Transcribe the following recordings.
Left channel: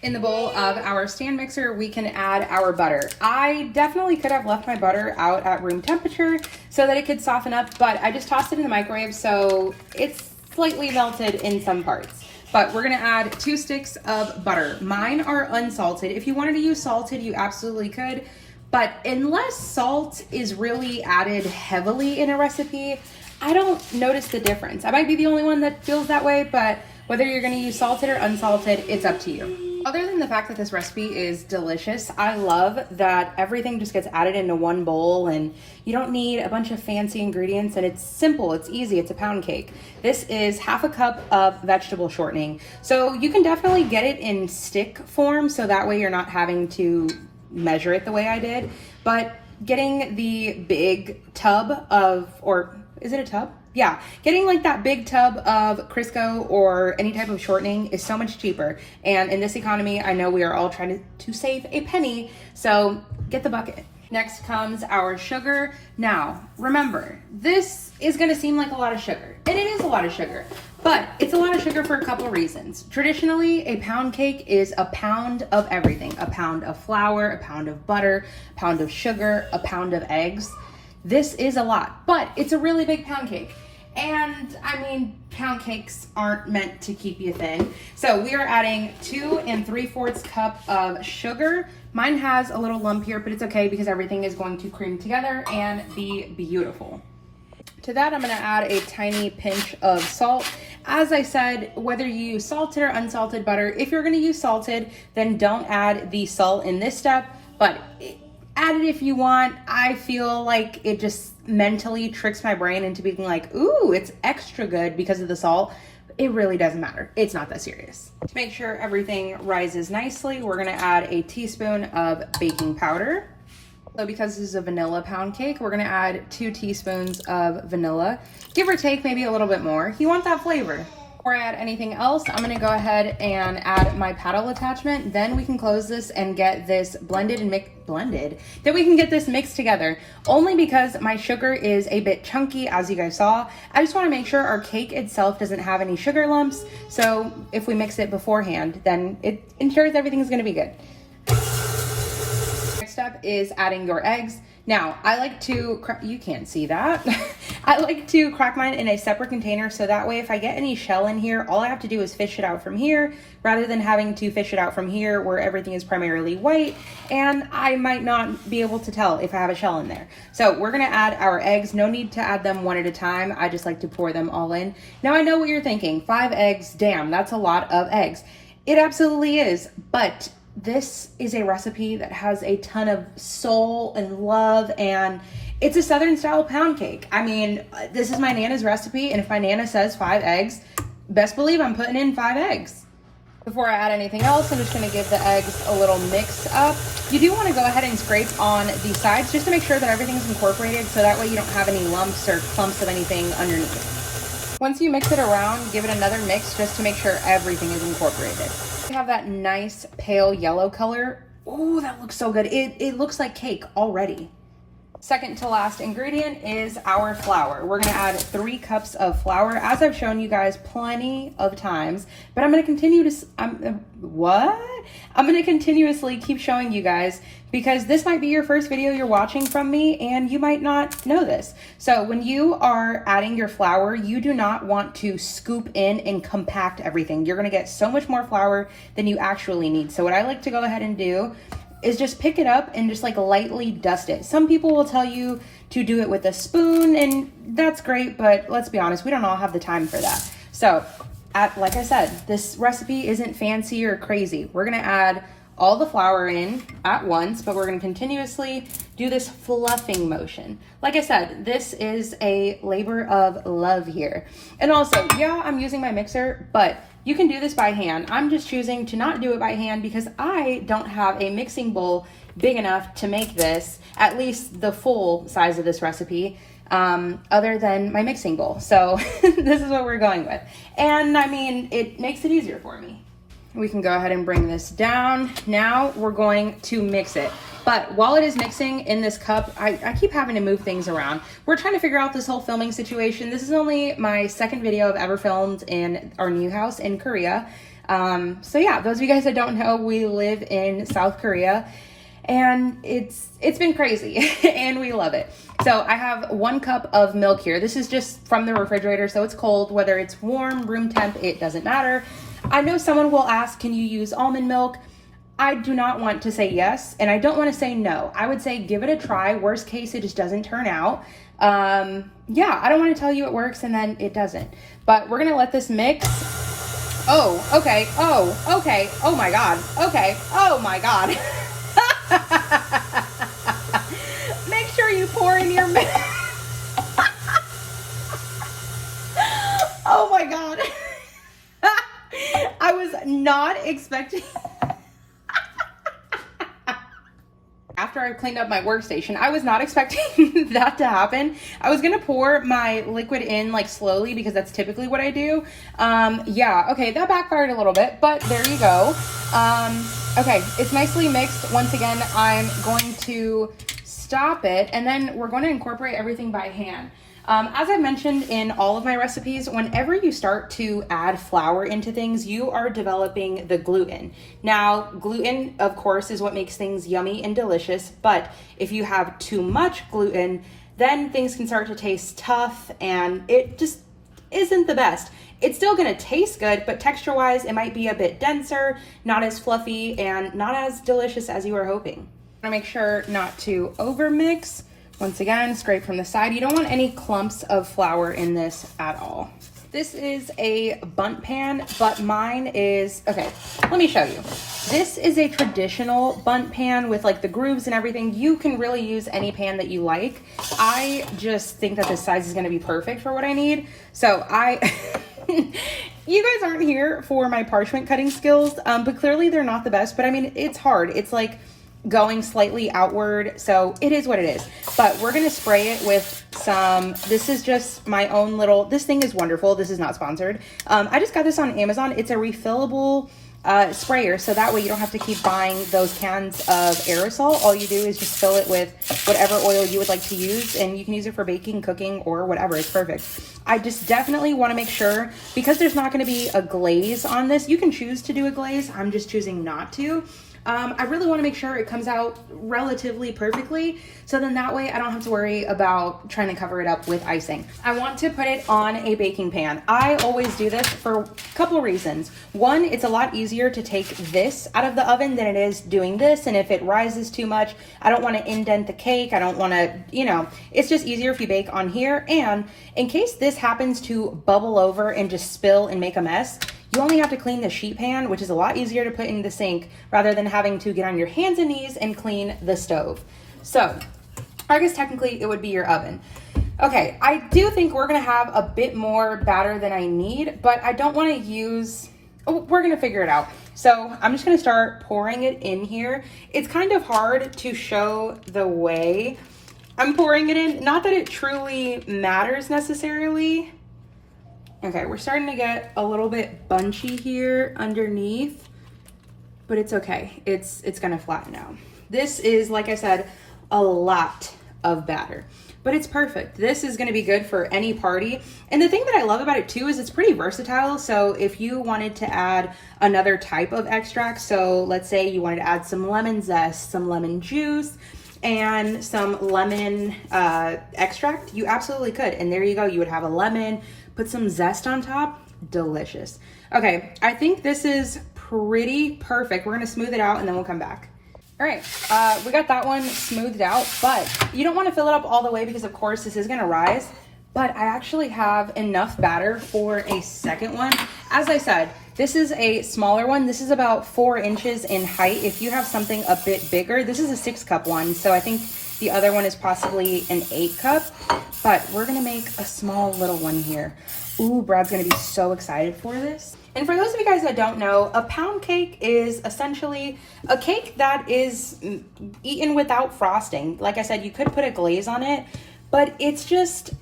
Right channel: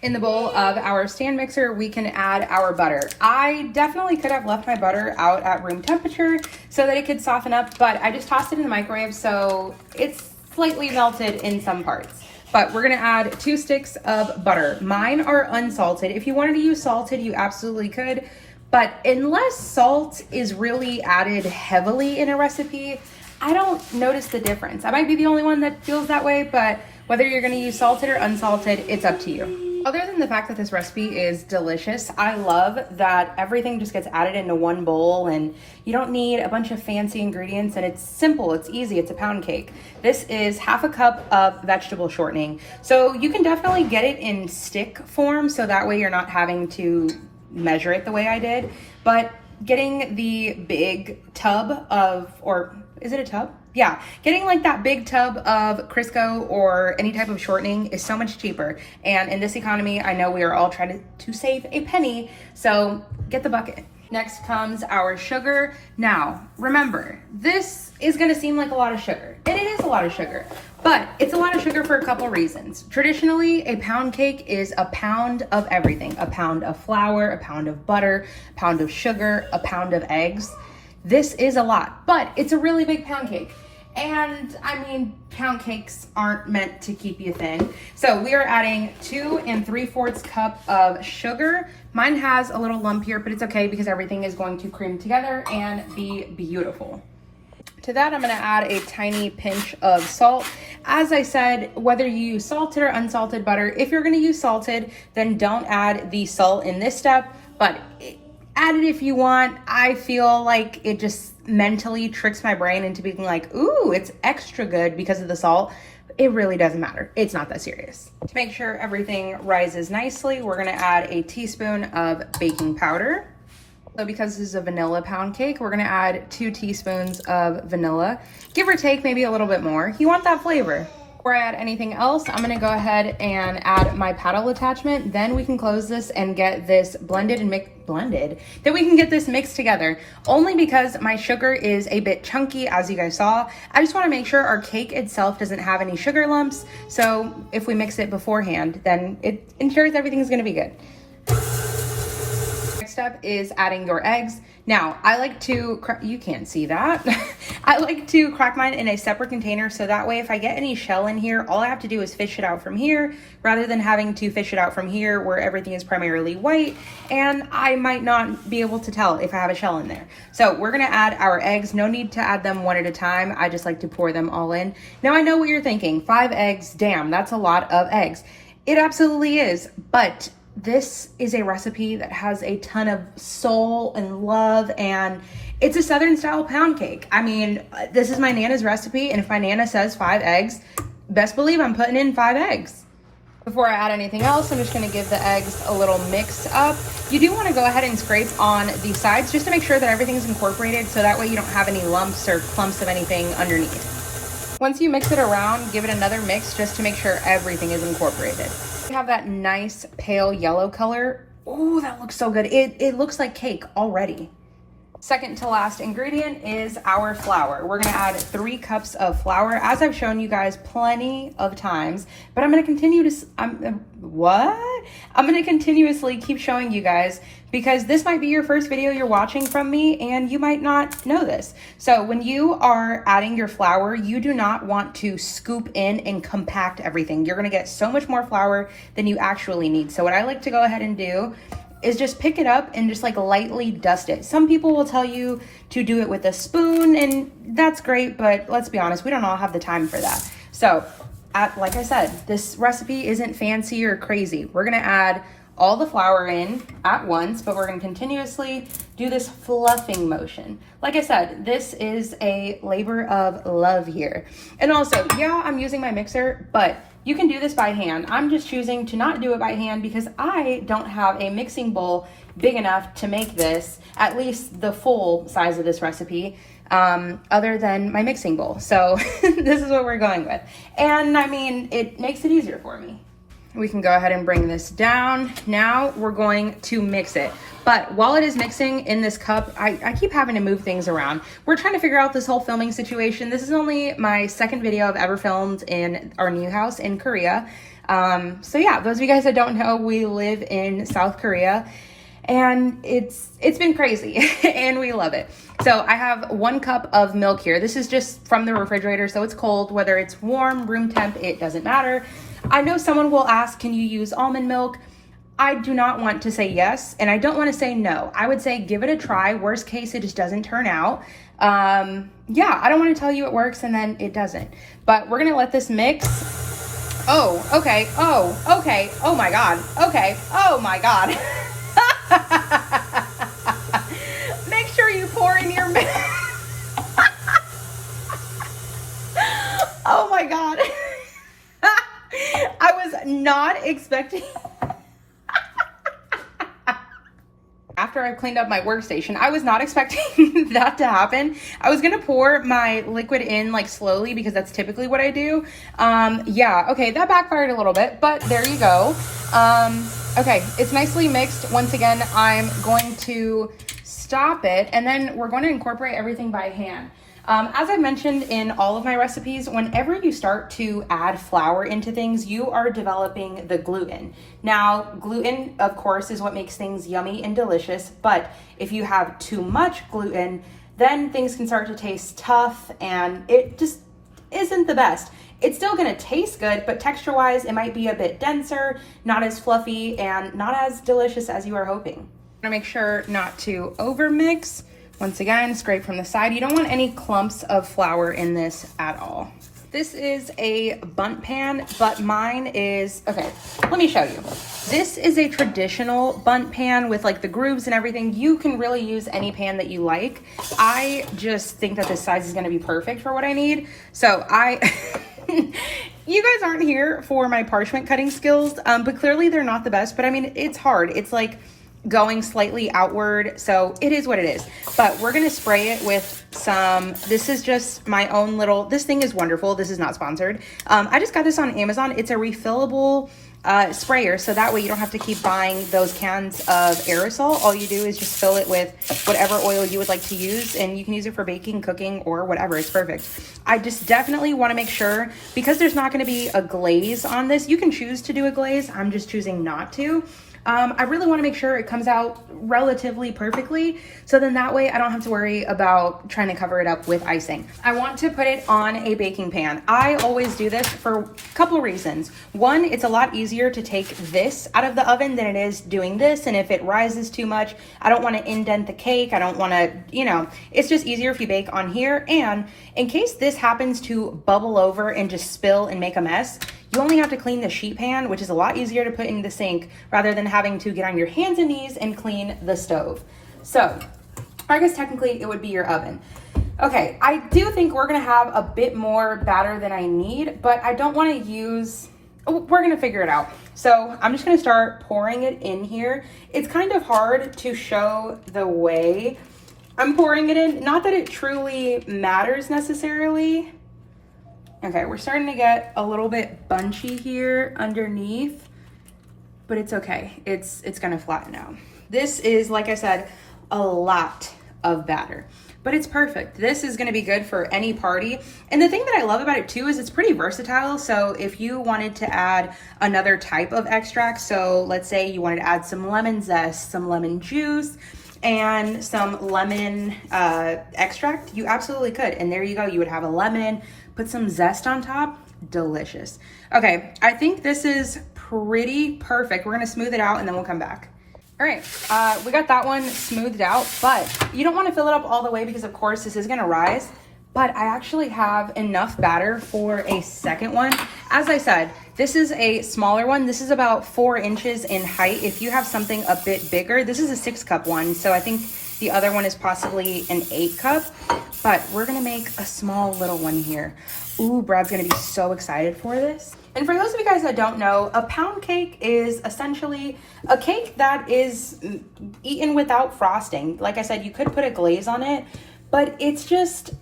In the bowl of our stand mixer, we can add our butter. I definitely could have left my butter out at room temperature so that it could soften up, but I just tossed it in the microwave so it's slightly melted in some parts. But we're gonna add 2 sticks of butter. Mine are unsalted. If you wanted to use salted, you absolutely could, but unless salt is really added heavily in a recipe, I don't notice the difference. I might be the only one that feels that way, but whether you're gonna use salted or unsalted, it's up to you. Other than the fact that this recipe is delicious, I love that everything just gets added into one bowl and you don't need a bunch of fancy ingredients, and it's simple, it's easy, it's a pound cake. This is 1/2 cup of vegetable shortening. So you can definitely get it in stick form, so that way you're not having to measure it the way I did. But getting the big tub of, or is it a tub? Yeah, getting like that big tub of Crisco or any type of shortening is so much cheaper. And in this economy, I know we are all trying to save a penny, so get the bucket. Next comes our sugar. Now, remember, this is gonna seem like a lot of sugar, and it is a lot of sugar, but it's a lot of sugar for a couple reasons. Traditionally, a pound cake is a pound of everything. A pound of flour, a pound of butter, a pound of sugar, a pound of eggs. This is a lot, but it's a really big pound cake. And I mean, pound cakes aren't meant to keep you thin. So we are adding 2 3/4 cup of sugar. Mine has a little lump here, but it's okay because everything is going to cream together and be beautiful. To that, I'm gonna add a tiny pinch of salt. As I said, whether you use salted or unsalted butter, if you're gonna use salted, then don't add the salt in this step, but add it if you want. I feel like it just mentally tricks my brain into being like, ooh, it's extra good because of the salt. It really doesn't matter. It's not that serious. To make sure everything rises nicely, we're gonna add a teaspoon of baking powder. So because this is a vanilla pound cake, we're gonna add 2 teaspoons of vanilla. Give or take maybe a little bit more. You want that flavor. Before I add anything else, I'm gonna go ahead and add my paddle attachment. Then we can close this and get this blended and then we can get this mixed together. Only because my sugar is a bit chunky, as you guys saw. I just wanna make sure our cake itself doesn't have any sugar lumps. So if we mix it beforehand, then it ensures everything's gonna be good. Step is adding your eggs. Now, I like to, you can't see that. I like to crack mine in a separate container so that way if I get any shell in here, all I have to do is fish it out from here rather than having to fish it out from here where everything is primarily white and I might not be able to tell if I have a shell in there. So we're gonna add our eggs. No need to add them one at a time. I just like to pour them all in. Now I know what you're thinking, 5 eggs, damn, that's a lot of eggs. It absolutely is, but this is a recipe that has a ton of soul and love, and it's a Southern style pound cake. I mean, this is my Nana's recipe, and if my Nana says 5 eggs, best believe I'm putting in 5 eggs. Before I add anything else, I'm just gonna give the eggs a little mix up. You do wanna go ahead and scrape on the sides just to make sure that everything's incorporated so that way you don't have any lumps or clumps of anything underneath. Once you mix it around, give it another mix just to make sure everything is incorporated. We have that nice pale yellow color. Oh, that looks so good. It looks like cake already. Second to last ingredient is our flour. We're gonna add 3 cups of flour, as I've shown you guys plenty of times, but I'm gonna continue to, I'm gonna continuously keep showing you guys because this might be your first video you're watching from me and you might not know this. So when you are adding your flour, you do not want to scoop in and compact everything. You're gonna get so much more flour than you actually need. So what I like to go ahead and do is just pick it up and just like lightly dust it. Some people will tell you to do it with a spoon and that's great, but let's be honest, we don't all have the time for that. So like I said, this recipe isn't fancy or crazy. We're gonna add all the flour in at once, but we're gonna continuously do this fluffing motion. Like I said, this is a labor of love here. And also, yeah, I'm using my mixer, but you can do this by hand. I'm just choosing to not do it by hand because I don't have a mixing bowl big enough to make this, at least the full size of this recipe, other than my mixing bowl. So this is what we're going with. And I mean, it makes it easier for me. We can go ahead and bring this down. Now we're going to mix it. But while it is mixing in this cup, I keep having to move things around. We're trying to figure out this whole filming situation. This is only my second video I've ever filmed in our new house in Korea. So yeah, those of you guys that don't know, we live in South Korea, and it's been crazy and we love it. So I have 1 cup of milk here. This is just from the refrigerator, so it's cold. Whether it's warm, room temp, it doesn't matter. I know someone will ask, can you use almond milk? I do not want to say yes, and I don't want to say no. I would say give it a try. Worst case, it just doesn't turn out. Yeah, I don't want to tell you it works and then it doesn't. But we're gonna let this mix. Oh, okay. Oh, okay. Oh my God. Okay. Oh my God. Make sure you pour in your milk. Oh my God. I was not expecting. After I cleaned up my workstation, I was not expecting that to happen. I was gonna pour my liquid in like slowly because that's typically what I do. Yeah, okay, that backfired a little bit, but there you go. Okay, it's nicely mixed. Once again, I'm going to stop it, and then we're going to incorporate everything by hand. As I mentioned in all of my recipes, whenever you start to add flour into things, you are developing the gluten. Now, gluten, of course, is what makes things yummy and delicious, but if you have too much gluten, then things can start to taste tough, and it just isn't the best. It's still gonna taste good, but texture-wise, it might be a bit denser, not as fluffy, and not as delicious as you were hoping. I wanna make sure not to overmix. Once again, scrape from the side. You don't want any clumps of flour in this at all. This is a bundt pan, but mine is, okay, let me show you. This is a traditional bundt pan with like the grooves and everything. You can really use any pan that you like. I just think that this size is gonna be perfect for what I need. So you guys aren't here for my parchment cutting skills, but clearly they're not the best, but I mean, it's hard. It's like going slightly outward, so it is what it is. But we're gonna spray it with some, this is just my own little, this thing is wonderful. This is not sponsored. I just got this on Amazon. It's a refillable sprayer, so that way you don't have to keep buying those cans of aerosol. All you do is just fill it with whatever oil you would like to use, and you can use it for baking, cooking, or whatever. It's perfect. I just definitely want to make sure, because there's not going to be a glaze on this. You can choose to do a glaze. I'm just choosing not to. I really want to make sure it comes out relatively perfectly, so then that way I don't have to worry about trying to cover it up with icing. I want to put it on a baking pan. I always do this for a couple reasons. One, it's a lot easier to take this out of the oven than it is doing this, and if it rises too much, I don't want to indent the cake. I don't want to, you know, it's just easier if you bake on here. And in case this happens to bubble over and just spill and make a mess, you only have to clean the sheet pan, which is a lot easier to put in the sink rather than having to get on your hands and knees and clean the stove. So I guess technically it would be your oven. Okay, I do think we're gonna have a bit more batter than I need, but I don't wanna use, we're gonna figure it out. So I'm just gonna start pouring it in here. It's kind of hard to show the way I'm pouring it in. Not that it truly matters necessarily. Okay, we're starting to get a little bit bunchy here underneath, but it's okay. It's gonna flatten out. This is, like I said, a lot of batter, but it's perfect. This is gonna be good for any party. And the thing that I love about it too is it's pretty versatile. So if you wanted to add another type of extract, so let's say you wanted to add some lemon zest, some lemon juice, and some lemon extract, you absolutely could. And there you go, you would have a lemon, put some zest on top, delicious. Okay, I think this is pretty perfect. We're gonna smooth it out and then we'll come back. All right, we got that one smoothed out, but you don't wanna fill it up all the way because of course this is gonna rise, but I actually have enough batter for a second one. As I said, this is a smaller one. This is about 4 inches in height. If you have something a bit bigger, this is a 6-cup one, so I think the other one is possibly an 8-cup, but we're gonna make a small little one here. Ooh, Brad's gonna be so excited for this. And for those of you guys that don't know, a pound cake is essentially a cake that is eaten without frosting. Like I said, you could put a glaze on it, but it's just,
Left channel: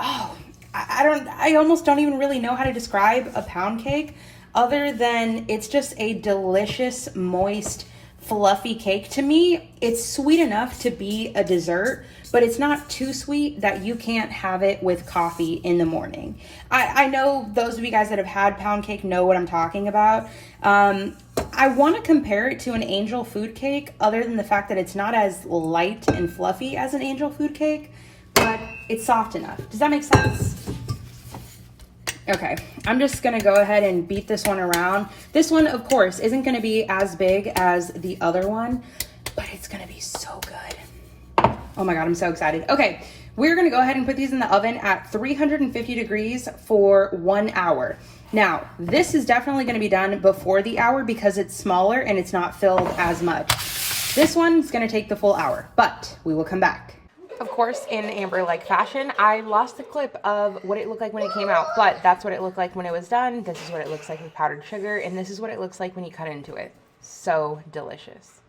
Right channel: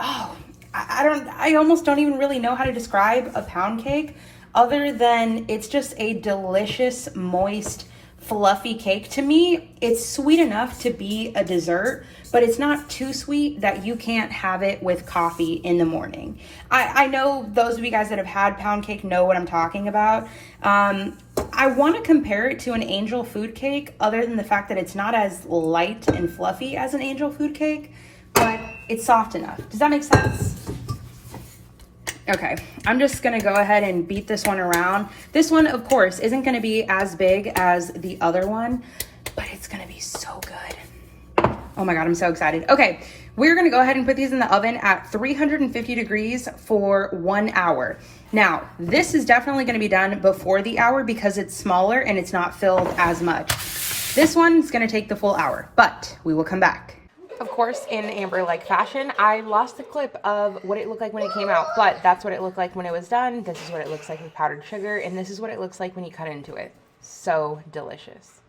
oh, I almost don't even really know how to describe a pound cake other than it's just a delicious, moist, fluffy cake. To me, it's sweet enough to be a dessert, but it's not too sweet that you can't have it with coffee in the morning. I know those of you guys that have had pound cake know what I'm talking about. I want to compare it to an angel food cake, other than the fact that it's not as light and fluffy as an angel food cake, but it's soft enough. Does that make sense? Okay, I'm just gonna go ahead and beat this one around. This one, of course, isn't gonna be as big as the other one, but it's gonna be so good. Oh my God, I'm so excited. Okay, we're gonna go ahead and put these in the oven at 350 degrees for 1 hour. Now, this is definitely gonna be done before the hour because it's smaller and it's not filled as much. This one's gonna take the full hour, but we will come back. Of course, in Amber-like fashion, I lost the clip of what it looked like when it came out, but that's what it looked like when it was done. This is what it looks like with powdered sugar, and this is what it looks like when you cut into it. So delicious.